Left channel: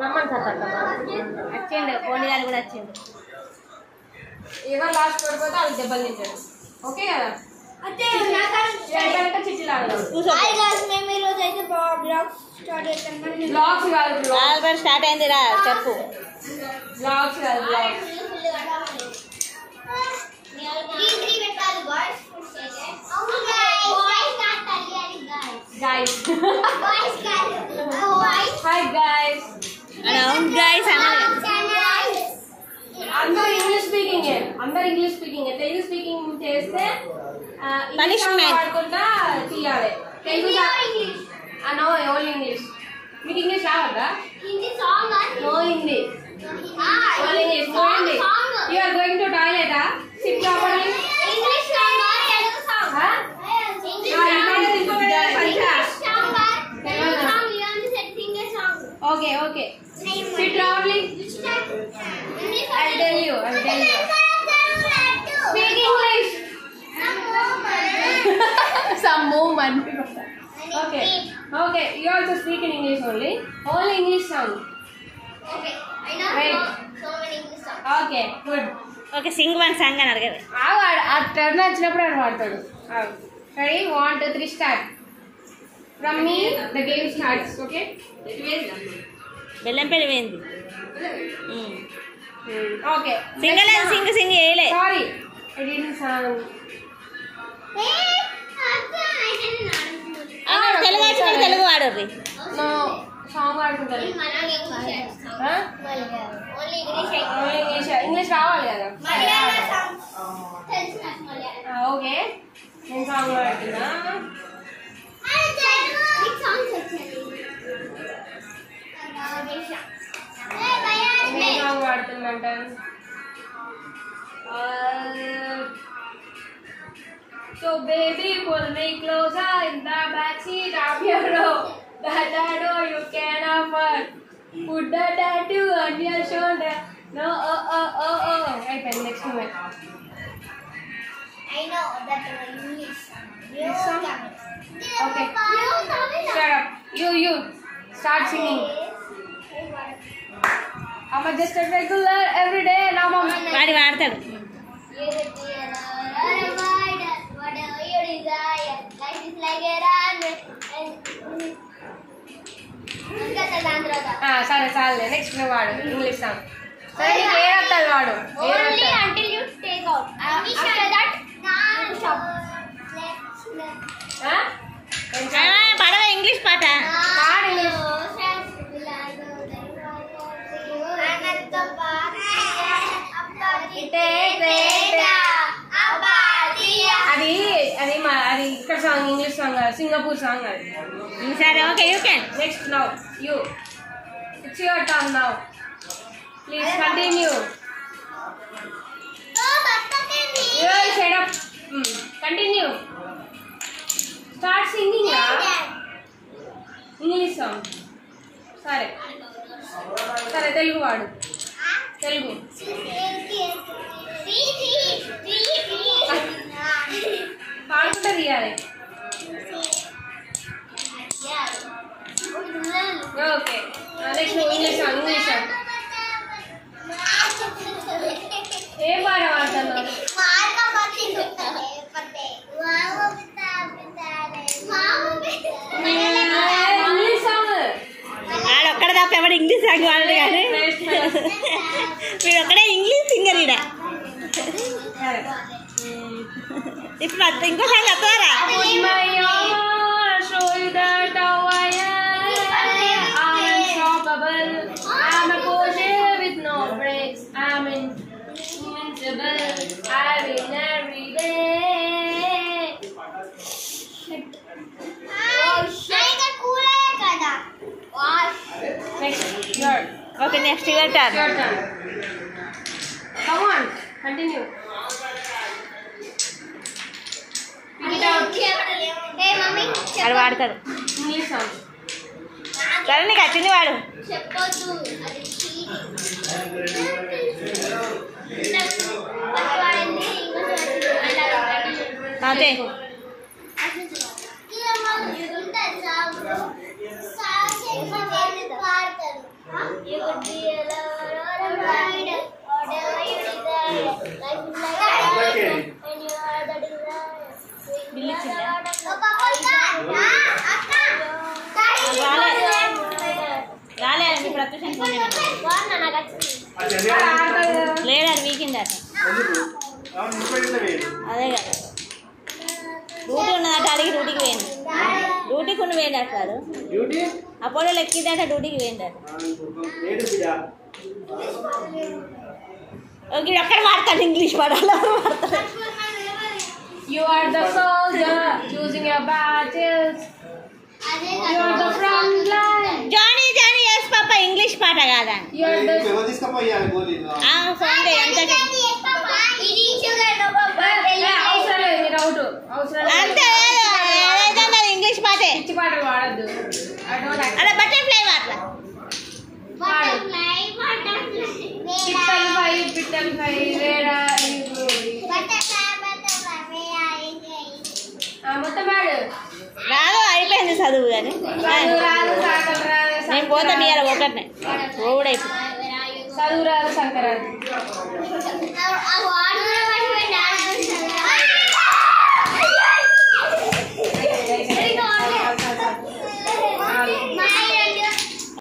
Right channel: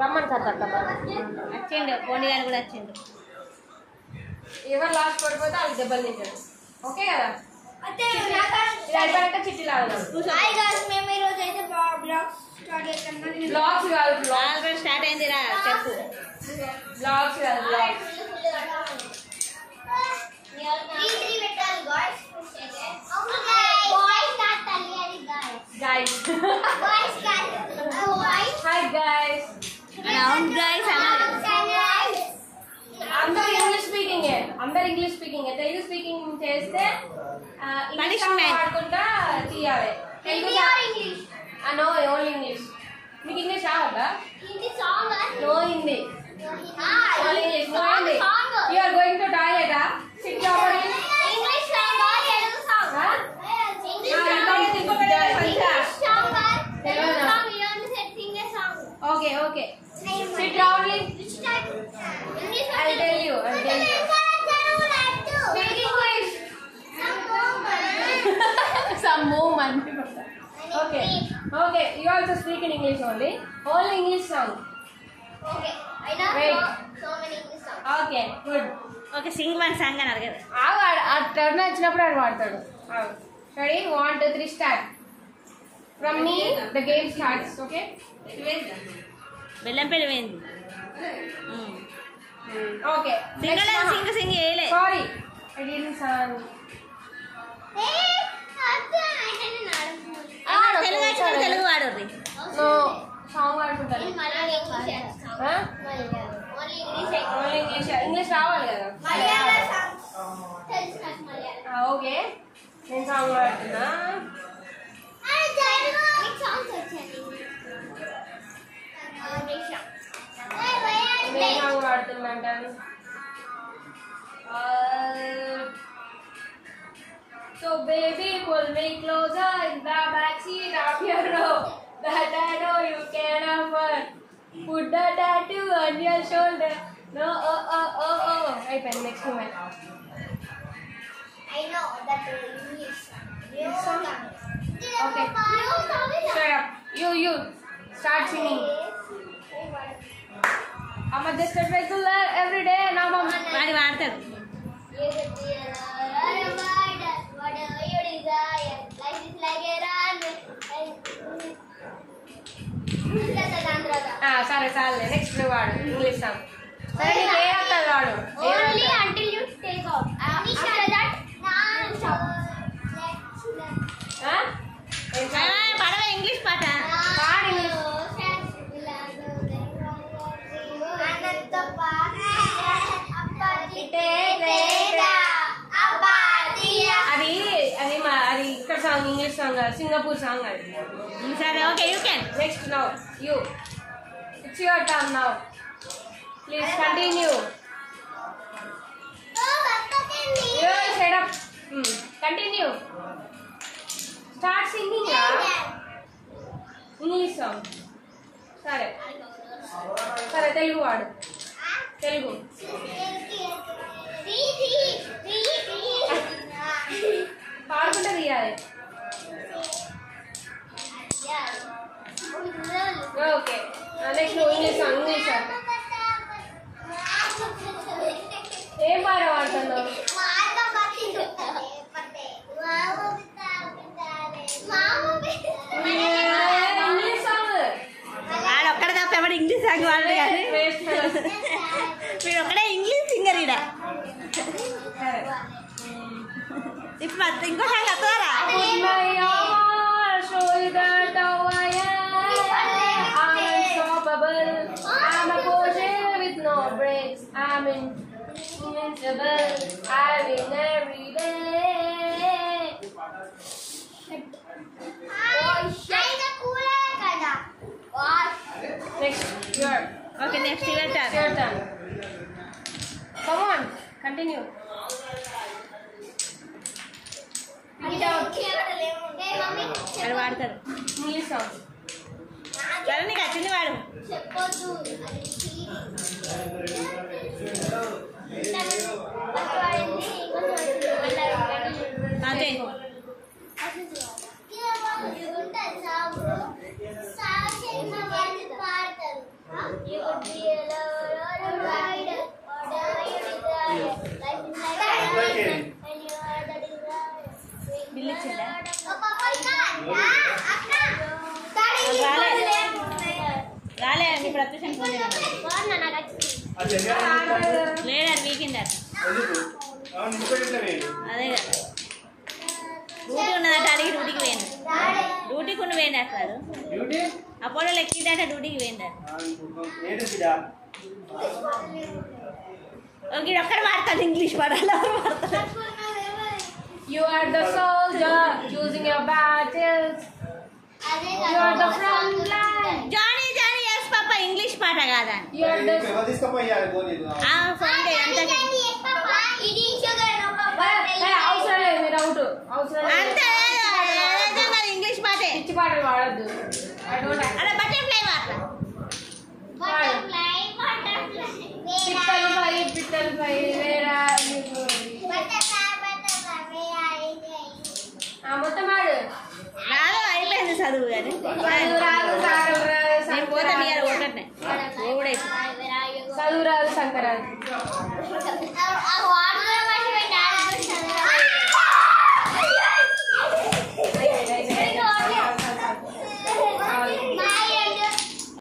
రమ్మని సార్ వచ్చిండు పోనీ గారు కూడా వచ్చిండు. ఎవరు లాస్ట్ పడిపోతే వాళ్ళు దెబ్బలు తింటాడు. ఓకే కదా? చిట్టి బ్లాగ్స్ కాదు, ఆల్రెడీ స్టార్ట్ అయింది రా చెప్పు. బ్లాగ్స్ కాదు, బ్లాగ్స్. Guys. Hi guys. అవును గైస్ అందరూ ఇంగ్లీష్ స్పీకింగ్, అందరు ఇంగ్లీష్ స్పీకింగ్. తెలుగు స్పీకింగ్ చేస్తే పనిష్మెంట్ ఆడకుండా తీయాలి. Telugu no, only English. మీకు ఇంగ్లీష్ రావద్దా? No Hindi, only English. No Hindi. You are going to toilet? Sit properly. Okay, okay. Sit proudly. I'll tell you. Speak English. Some movement. Okay. You also speak in English only. Only English song. Okay. I know so many English songs. Okay, good. Okay sing one song అని అడగదు. ఆ turn వచ్చినప్పుడు ఆయన వాడతాడు. Ready? 1, 2, 3 start. From me, the game starts. Okay? Bellampalli పోయింది. Okay. Singh చేయలే. Sorry, I didn't sing. Telugu వచ్చిన Telugu వాడర్రి. No, song వాడుకుంటారు. Only English రావాలి కదా? ఓకే, నేను సాంగ్ వాడుతున్నా. నేను సాంగ్ వాడుతున్నా. So baby, pull me closer in the backseat of your robe. That I know you can afford. Put the tattoo on your shoulder. No, oh. I pen next moment. I know that English song. Okay. Shut up. You. Start singing. I'm just a regular every day. Now mom. వాడి వాడతాడు. Whatever you desire, life is like a runway. సరే next నువ్వు వాడు English song. సరే నీకు ఏ అర్థాలు వాడు? Only until you take out. After that, stop. పాడవా English పాట? పాడు ఇంగ్లీష్. అది ఇక్కడ song, English song, Singapore song అది. సరే okay you can. Next now you. It's your turn now. Please continue. Shut up. Continue. Start singing ya. English song. సరే తెలుగు వాడు. తెలుగు పాడుకుంటే తీయాలి. ఓకే నెక్స్ట్ నువ్వు ఇంగ్లీష్ సాంగ్. ఏం పాట పాడుతున్నావు? English song. ఆడొక్కడ తప్ప ఎవడు ఇంగ్లీష్ సాంగ్ వాడదు కానీ వీడు ఒక్కడే ఇంగ్లీష్ సింగర్ ఈడ. ఇప్పుడు ఇంకో సాంగ్ వస్తారా? I'm a Porsche with no brakes. I'm invincible. I win every day. Next, your. Okay, next your turn. Your turn. Come on, continue. అది వాడతాడు ఇంగ్లీష్ సాంగ్. సరే నీకు వచ్చింది వాడు. చెప్పొద్దు అదే అది You could be a lover or a bride, whatever you desire. Life is like a garden, and you are the desire. రాలే మీ ప్రత్యూషన్ phone లేడు అది వీకింది అట అదే కదా డ్యూటీ ఉన్నదట అడిగి డ్యూటీకి పోయింది డ్యూటీకి ఉండి పోయింది అసలు అపోలో ఎక్కిందట డ్యూటీకి పోయిందట ఓకే ఒక్కడ మాడతాడు ఇంగ్లీష్ పడాలి మాడతాడు You are the soldier, choosing your battles. You are the front line. Johnny Johnny yes papa English పాట కాదా You are the ఫోన్ అంత అవసరం లేదు మీరు అవుట్ అవసరం అంతే ఏదైనా ఇంగ్లీష్ పాటే పిచ్చి పాటలు పాడద్దు అలా బటర్ఫ్లై మాట్లా పిట్టలు ఫ్రై వేడా మొత్తం పాడు రాదు అయిపోయింది చదువు కానీ నేను పోతా మీ అలా ఒకటినే ఓడైపోయి చదువు రాదు సంక్రాంతి